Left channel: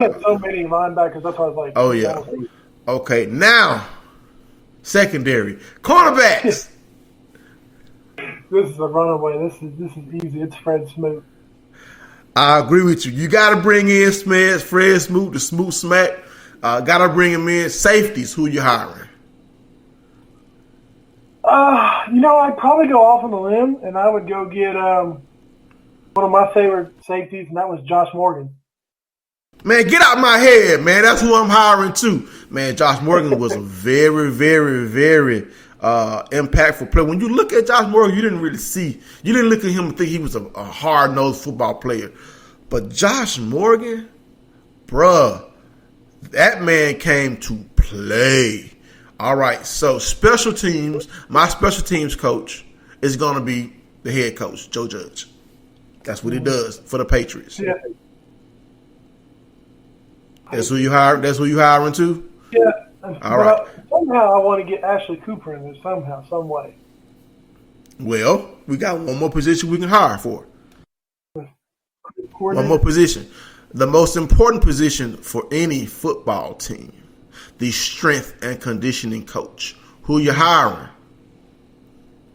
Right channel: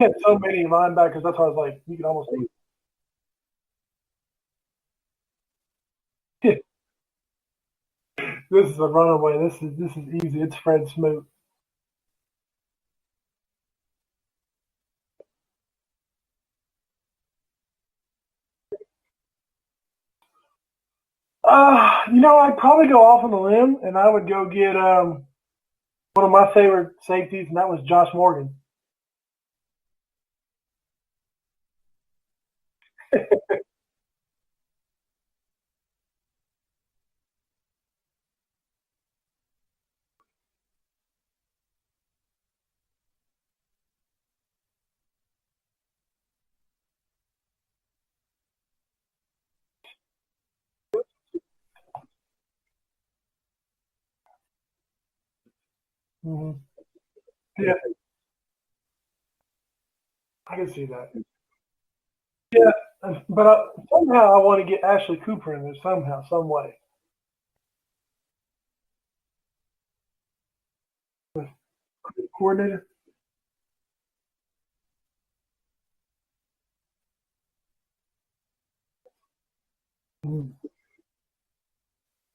had so many linebackers. That's why I was like, Oh he's yeah. almost. Okay, now secondary cornerbacks. This is a runaway. This is easy. It's Fred Smoot. I agree with you. You got to bring in Fred Smoot, the Smoot Smack. Got to bring him in. Safeties, who you hiring? I'd probably go off on the limb, and I would go get one of my favorite safeties, and that was Josh Morgan. Man, get out my head, man. That's who I'm hiring too. Man, Josh Morgan was a very, very, very impactful player. When you look at Josh Morgan, you didn't look at him and think he was a hard-nosed football player. But Josh Morgan, bruh, that man came to play. All right, so special teams, my special teams coach is going to be the head coach, Joe Judge. That's what he does for the Patriots. Yeah, That's who you hire. That's who you hiring too. yeah. All But right. somehow I want to get Ashley Cooper in there somehow, some way. Well, we got one more position we can hire for. One more Coordinator. position. The most important position for any football team, the strength and conditioning coach. Who you hiring?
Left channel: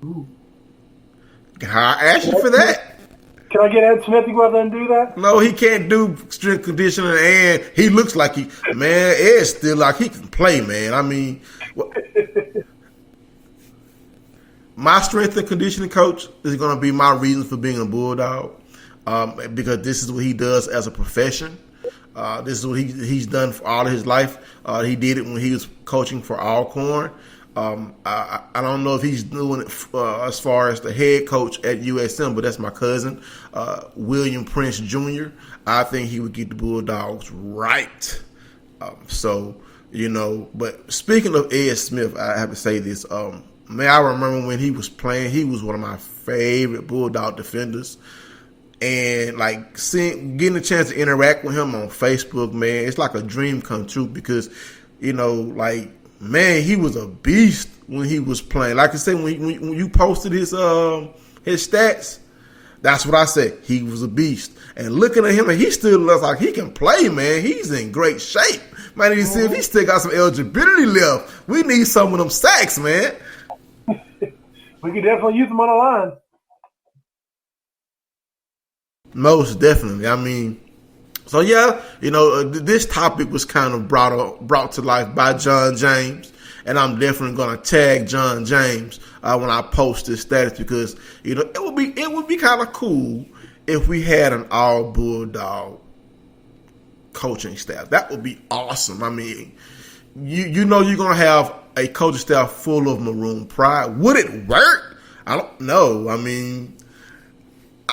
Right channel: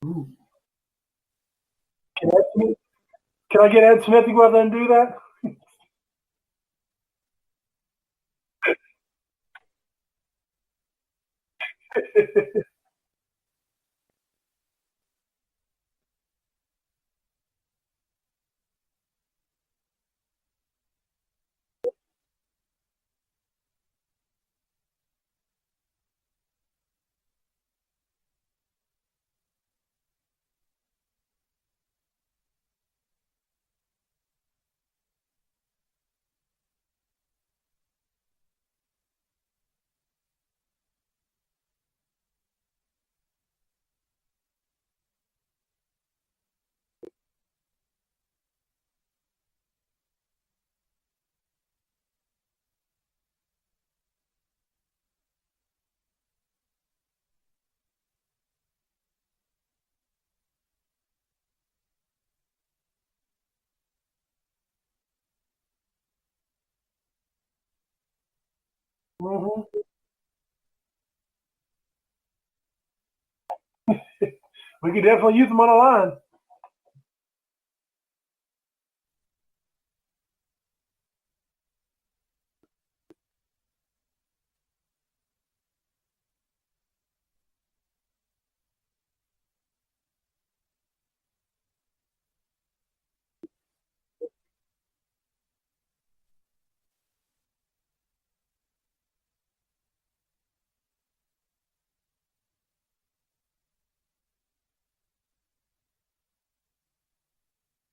Ooh. You can hire Ashley for that. Can I get Ed Smith to go out there and do that? No, he can't do strength conditioning, and he looks like Ed's still like he can play, man. I mean, my strength and conditioning coach is going to be my reason for being a Bulldog, because this is what he does as a profession. This is what he's done for all of his life. He did it when he was coaching for Alcorn. I don't know if he's doing it as far as the head coach at USM, but that's my cousin, William Prince Jr. I think he would get the Bulldogs right. But speaking of Ed Smith, I have to say this. Man, I remember when he was playing, he was one of my favorite Bulldog defenders. And like getting a chance to interact with him on Facebook, man, it's like a dream come true because, man, he was a beast when he was playing. Like I said, when you posted his stats, that's what I said. He was a beast. And looking at him, and he still looks like he can play, man. He's in great shape. Man, need to see if he still got some eligibility left. We need some of them sacks, man. We could definitely use him on the line. Most definitely. I mean, so yeah, this topic was kind of brought to life by John James, and I'm definitely going to tag John James when I post this status because it would be kind of cool if we had an all Bulldog coaching staff. That would be awesome. I mean, you're going to have a coaching staff full of Maroon pride. Would it work? I don't know. I mean,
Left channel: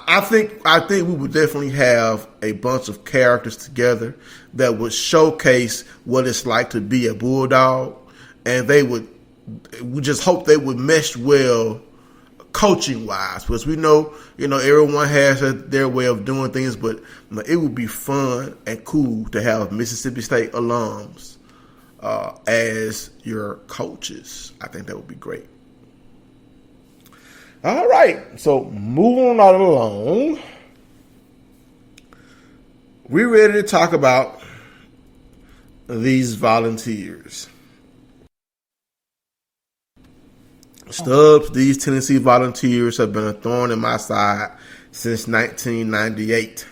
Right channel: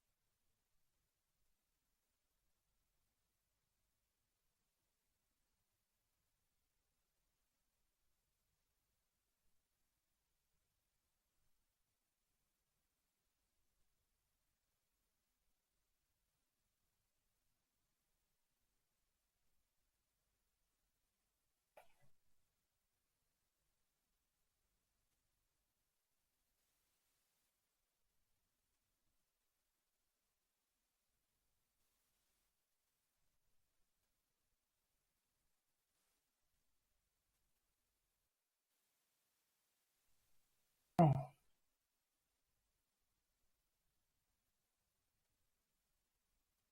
I think we would definitely have a bunch of characters together that would showcase what it's like to be a Bulldog, and we just hope they would mesh well coaching wise, because we know everyone has their way of doing things, but it would be fun and cool to have Mississippi State alums as your coaches. I think that would be great. All right, so moving right along, we're ready to talk about these volunteers. Stubbs, these Tennessee Volunteers have been a thorn in my side since 1998.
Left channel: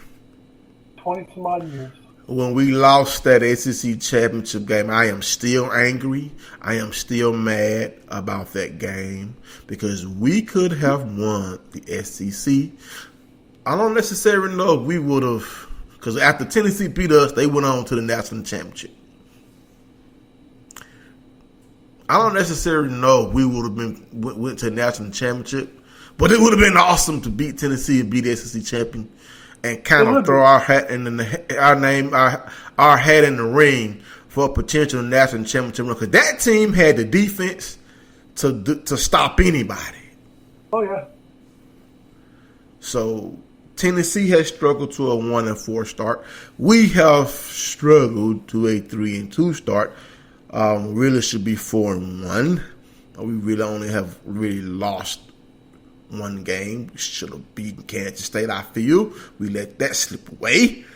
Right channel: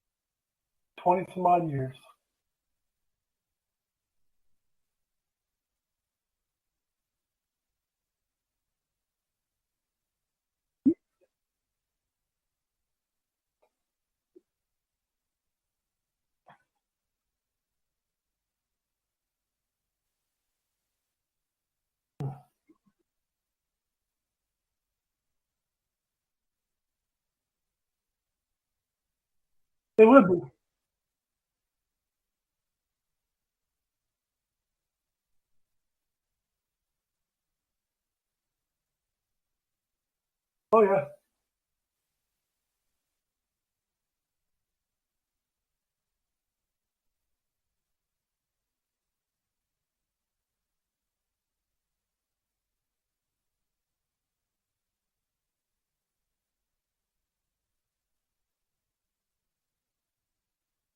20 some odd years. When we lost that SEC championship game, I am still angry. I am still mad about that game because we could have won the SEC. I don't necessarily know if we would have, because after Tennessee beat us, they went on to the national championship. I don't necessarily know if we would have went to the national championship, but it would have been awesome to beat Tennessee and be the SEC champion and kind of throw our hat in our hat in the ring for a potential national championship run. Because that team had the defense to stop anybody. Oh yeah. So Tennessee has struggled to a 1-4 start. We have struggled to a 3-2 start. Really should be 4-1. We really only have really lost one game. We should have beaten Kansas State, I feel. We let that slip away.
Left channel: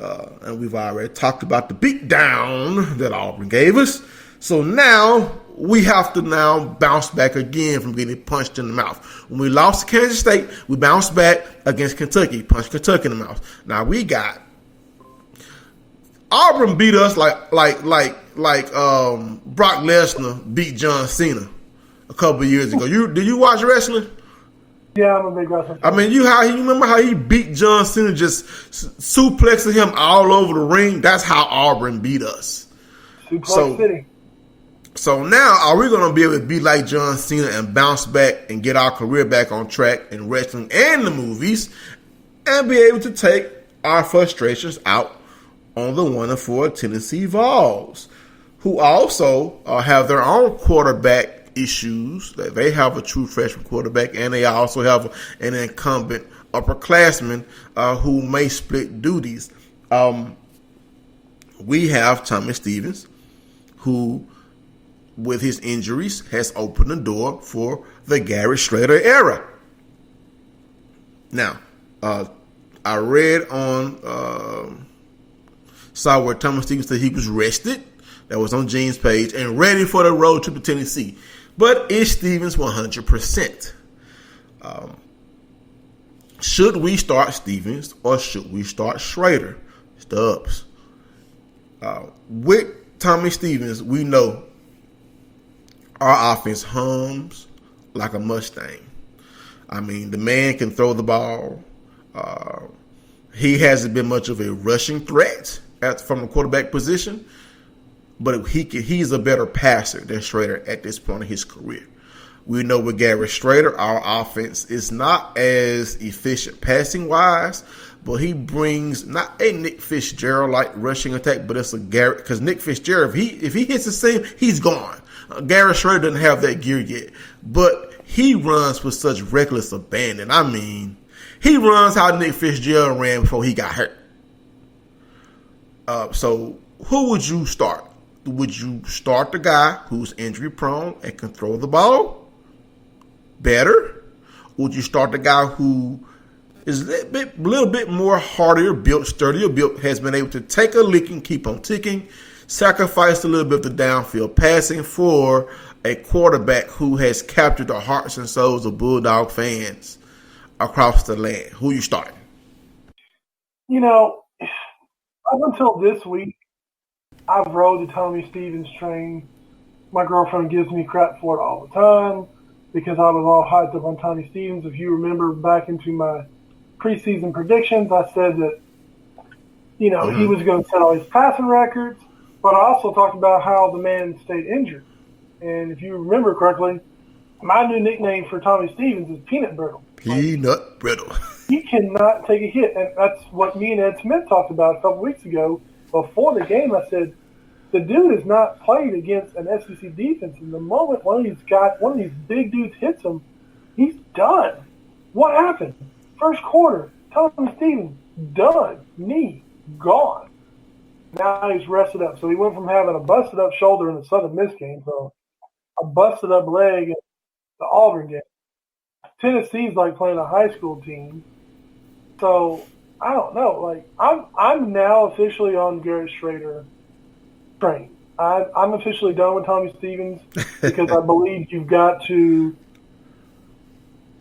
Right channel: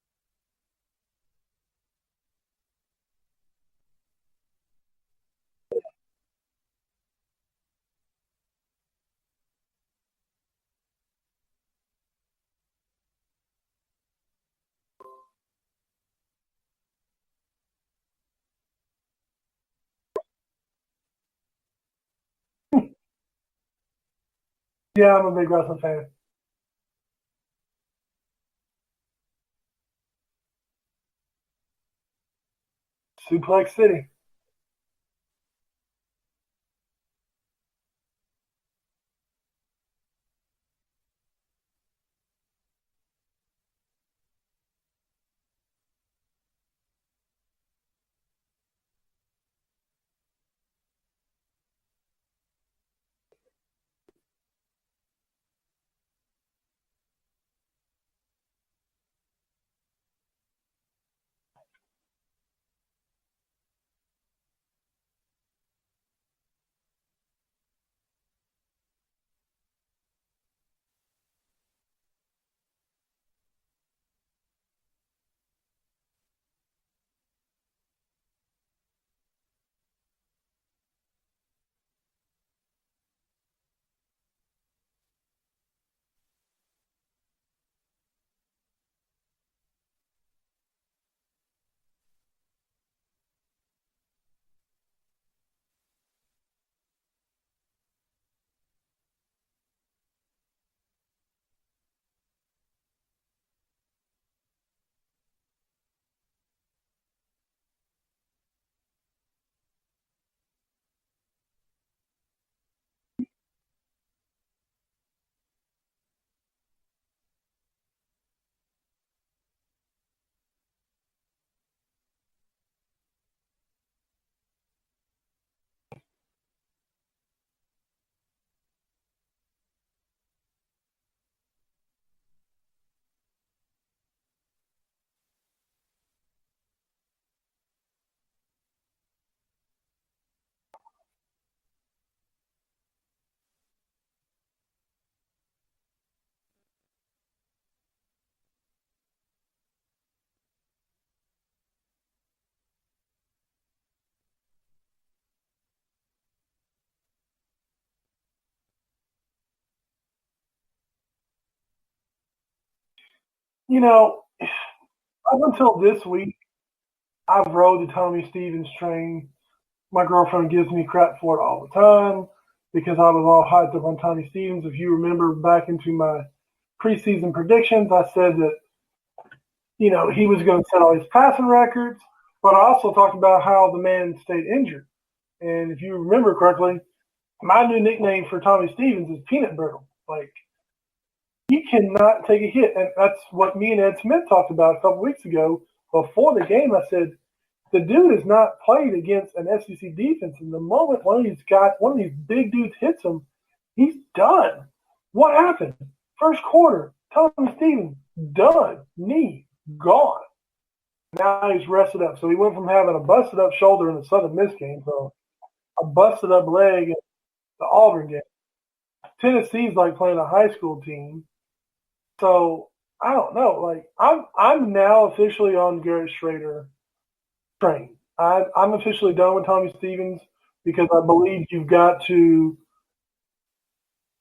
And we've already talked about the beatdown that Auburn gave us. So now we have to now bounce back again from getting punched in the mouth. When we lost to Kansas State, we bounced back against Kentucky, punched Kentucky in the mouth. Now we got Auburn beat us like Brock Lesnar beat John Cena a couple of years ago. Did you watch wrestling? Yeah, I'm a big wrestling fan. I mean, you remember how he beat John Cena, just suplexing him all over the ring? That's how Auburn beat us. Suplex City. So now, are we going to be able to be like John Cena and bounce back and get our career back on track in wrestling and the movies and be able to take our frustrations out on the 1-4 Tennessee Vols, who also have their own quarterback issues? They have a true freshman quarterback, and they also have an incumbent upperclassman who may split duties. We have Tommy Stevens, who, with his injuries, has opened the door for the Gary Schrader era. Now, I read saw where Tommy Stevens said he was rested. That was on Gene's page, and ready for the road trip to Tennessee. But is Stevens 100%? Should we start Stevens or should we start Schrader? Stubbs. With Tommy Stevens, we know our offense hums like a Mustang. I mean, the man can throw the ball. He hasn't been much of a rushing threat from the quarterback position, but he's a better passer than Schrader at this point in his career. We know with Gary Schrader, our offense is not as efficient passing-wise, but he brings not a Nick Fitzgerald-like rushing attack, but it's a Gary, because Nick Fitzgerald, if he hits the same, he's gone. Gary Schrader doesn't have that gear yet, but he runs with such reckless abandon. I mean, he runs how Nick Fitzgerald ran before he got hurt. So who would you start? Would you start the guy who's injury prone and can throw the ball better? Would you start the guy who is a little bit more hardier built, sturdier built, has been able to take a licking, keep on ticking, sacrifice a little bit of the downfield passing for a quarterback who has captured the hearts and souls of Bulldog fans across the land? Who you starting? You know, up until this week, I've rode the Tommy Stevens train. My girlfriend gives me crap for it all the time because I was all hyped up on Tommy Stevens. If you remember back into my preseason predictions, I said that, you know, he was going to set all his passing records, but I also talked about how the man stayed injured. And if you remember correctly, my new nickname for Tommy Stevens is Peanut Brittle. Peanut Brittle. He cannot take a hit. And that's what me and Ed Smith talked about a couple weeks ago. Before the game, I said, the dude has not played against an SEC defense. And the moment one of these big dudes hits him, he's done. What happened? First quarter, Tommy Stevens, done. Knee, gone. Now he's rested up. So he went from having a busted up shoulder in the Southern Miss game to a busted up leg in the Auburn game. Tennessee's like playing a high school team. So I don't know. Like I'm now officially on Garrett Schrader train. I'm officially done with Tommy Stevens because I believe you've got to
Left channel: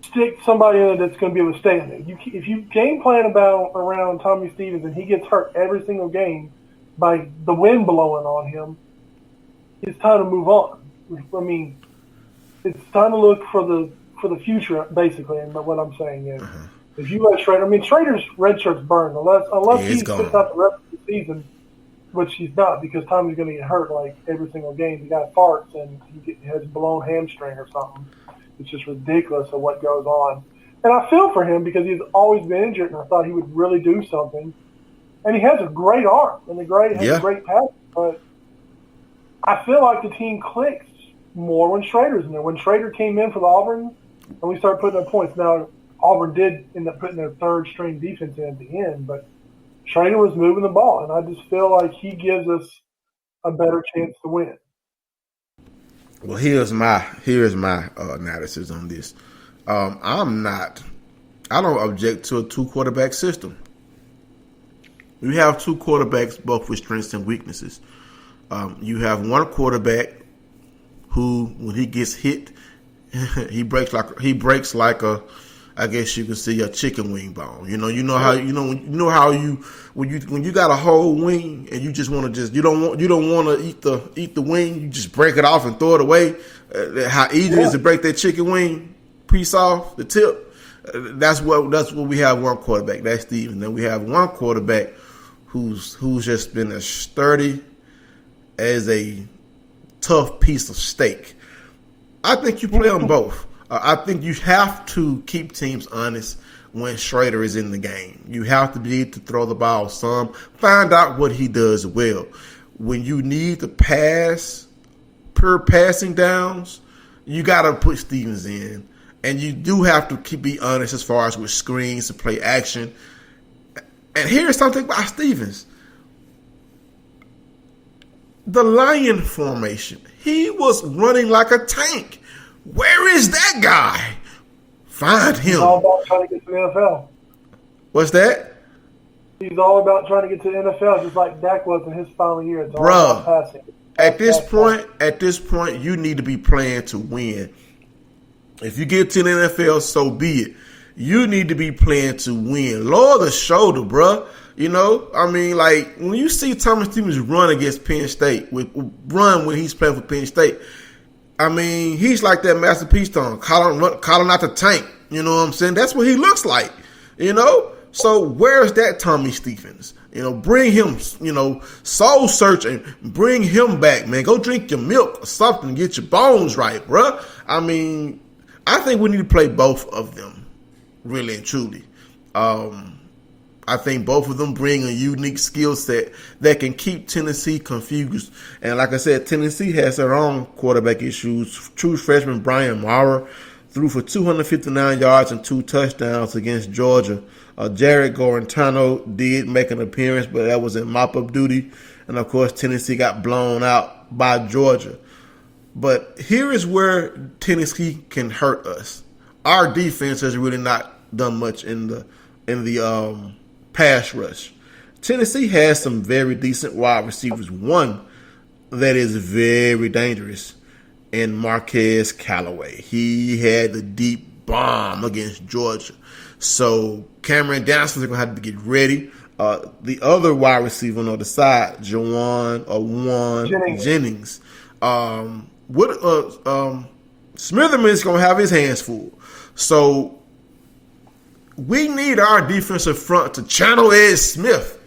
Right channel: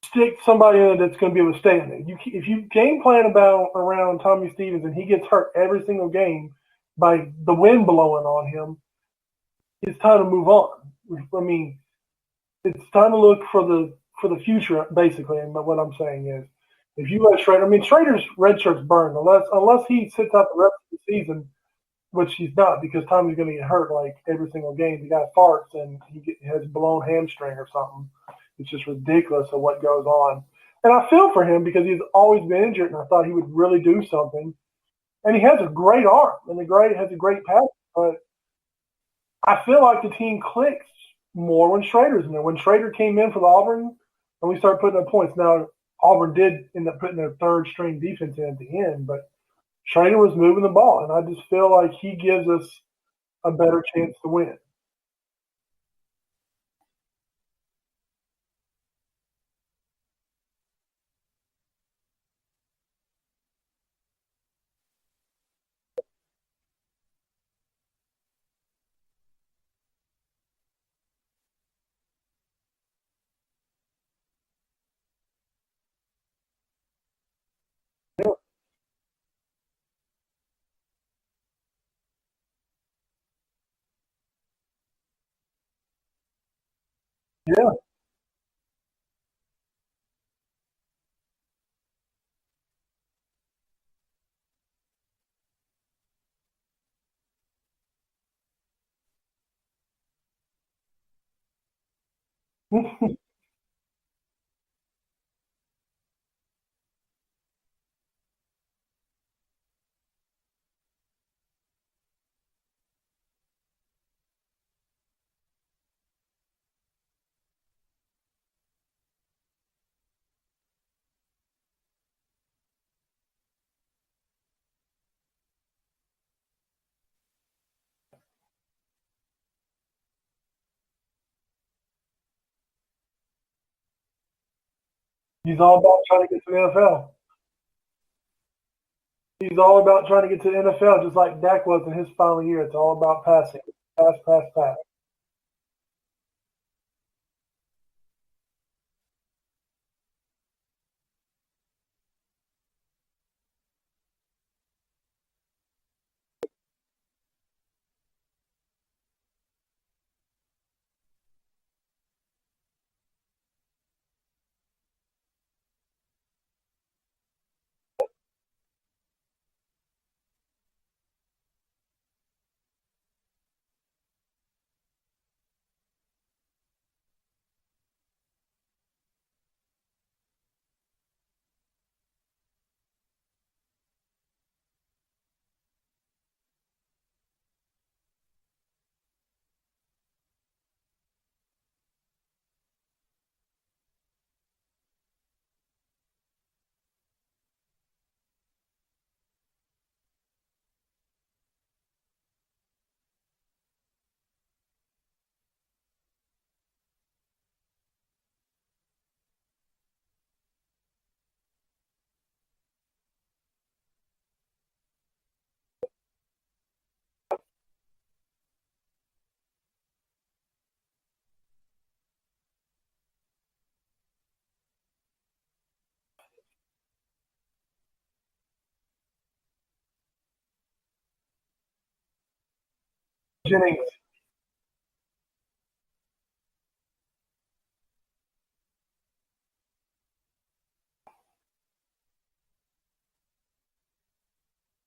stick somebody in it that's going to be able to stay in it. If you game plan around Tommy Stevens and he gets hurt every single game by the wind blowing on him, it's time to move on. I mean, it's time to look for the future, basically. And what I'm saying is, if you let Schrader, I mean, Schrader's red shirt's burned unless he sits out the rest of the season, which he's not because Tommy's going to get hurt like every single game. The guy farts and he has a blown hamstring or something. It's just ridiculous of what goes on. And I feel for him because he's always been injured, and I thought he would really do something. And he has a great arm and a great pass, but I feel like the team clicks more when Schrader's in there. When Schrader came in for the Auburn, and we started putting up points. Now, Auburn did end up putting their third-string defense in at the end, but Schrader was moving the ball, and I just feel like he gives us a better chance to win. Well, here's my analysis on this. I don't object to a 2-quarterback system. You have two quarterbacks, both with strengths and weaknesses. You have one quarterback who, when he gets hit, he breaks like a, I guess you can see, a chicken wing bone. You know how when you got a whole wing and you just want to you don't want to eat the wing, you just break it off and throw it away. How easy it is to break that chicken wing piece off the tip. That's what we have one quarterback. That's Steven. Then we have one quarterback who's just been as sturdy as a tough piece of steak. I think you play them both. I think you have to keep teams honest when Schrader is in the game. You have to be able to throw the ball some. Find out what he does well. When you need to pass per passing downs, you got to put Stevens in. And you do have to be honest as far as with screens to play action. And here's something about Stevens. The lion formation. He was running like a tank. Where is that guy? Find him. He's all about trying to get to the NFL. What's that? He's all about trying to get to the NFL, just like Dak was in his final year. It's all about passing. At this point, you need to be playing to win. If you get to the NFL, so be it. You need to be playing to win. Lower the shoulder, bruh. Like when you see Thomas Stevens run against Penn State, run when he's playing for Penn State, he's like that Master Peastone, calling out the tank. You know what I'm saying? That's what he looks like. So where's that Tommy Stevens? Bring him, soul search and bring him back, man. Go drink your milk or something, get your bones right, bruh. I think we need to play both of them, really and truly. I think both of them bring a unique skill set that can keep Tennessee confused. And like I said, Tennessee has their own quarterback issues. True freshman Brian Maurer threw for 259 yards and 2 touchdowns against Georgia. Jared Gorentano did make an appearance, but that was in mop-up duty. And, of course, Tennessee got blown out by Georgia. But here is where Tennessee can hurt us. Our defense has really not done much in the pass rush. Tennessee has some very decent wide receivers. One that is very dangerous in Marquez Callaway. He had the deep bomb against Georgia. So Cameron Dantzler is going to have to get ready. The other wide receiver on the other side, Juwan Jennings. Smitherman is going to have his hands full. So we need our defensive front to channel Ed Smith,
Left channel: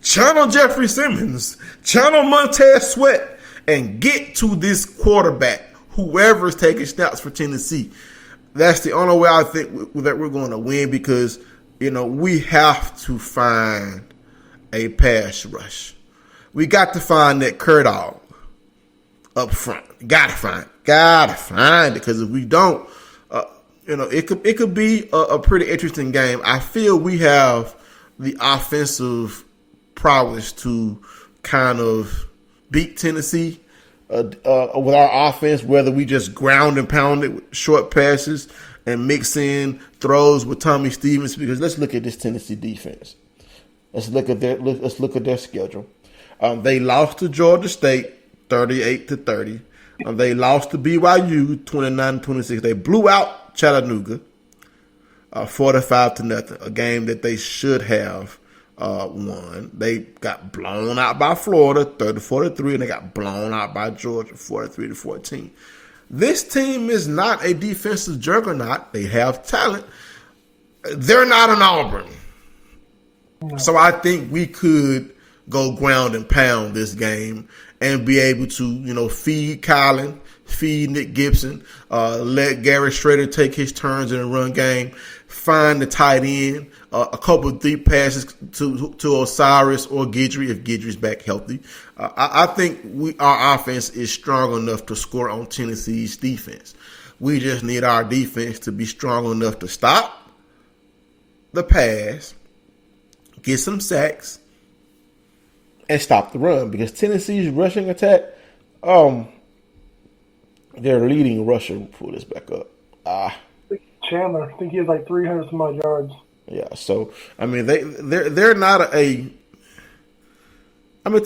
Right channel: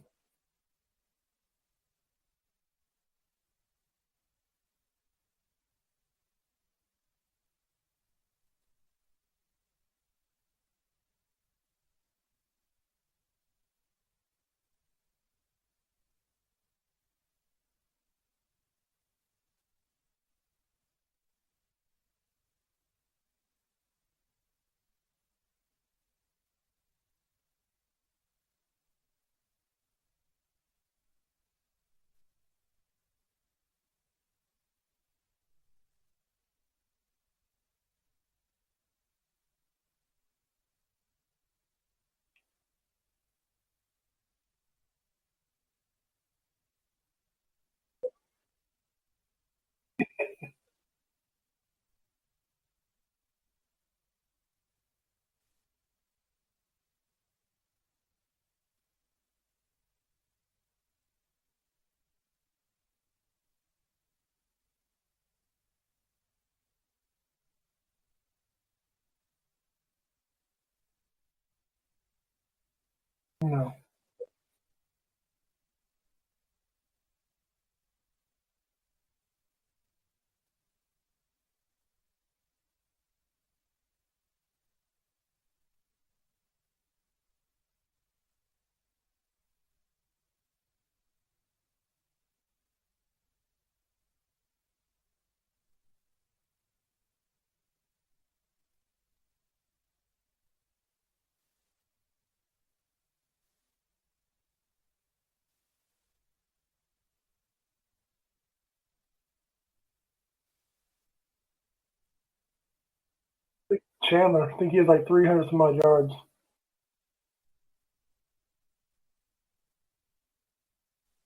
channel Jeffrey Simmons, channel Montez Sweat, and get to this quarterback, whoever's taking snaps for Tennessee. That's the only way I think that we're going to win because, we have to find a pass rush. We got to find that Dog up front. Gotta find it because if we don't, it could be a pretty interesting game. I feel we have the offensive prowess to kind of beat Tennessee with our offense, whether we just ground and pound it with short passes and mix in throws with Tommy Stevens. Because let's look at this Tennessee defense. Let's look at their schedule. They lost to Georgia State 38-30. They lost to BYU 29-26. They blew out Chattanooga 45-0, a game that they should have won. They got blown out by Florida 30-43, and they got blown out by Georgia 43-14. This team is not a defensive juggernaut. They have talent. They're not an Auburn. No. So I think we could go ground and pound this game and be able to, feed Kylan, feed Nick Gibson, let Garrett Schrader take his turns in the run game, find the tight end, a couple of deep passes to Osiris or Guidry if Guidry's back healthy. I think our offense is strong enough to score on Tennessee's defense. We just need our defense to be strong enough to stop the pass, get some sacks, and stop the run. Because Tennessee's rushing attack, their leading rusher, pull this back up. Chandler, I think he has like 300 some odd yards. Yeah. So I mean, they're not a. I mean,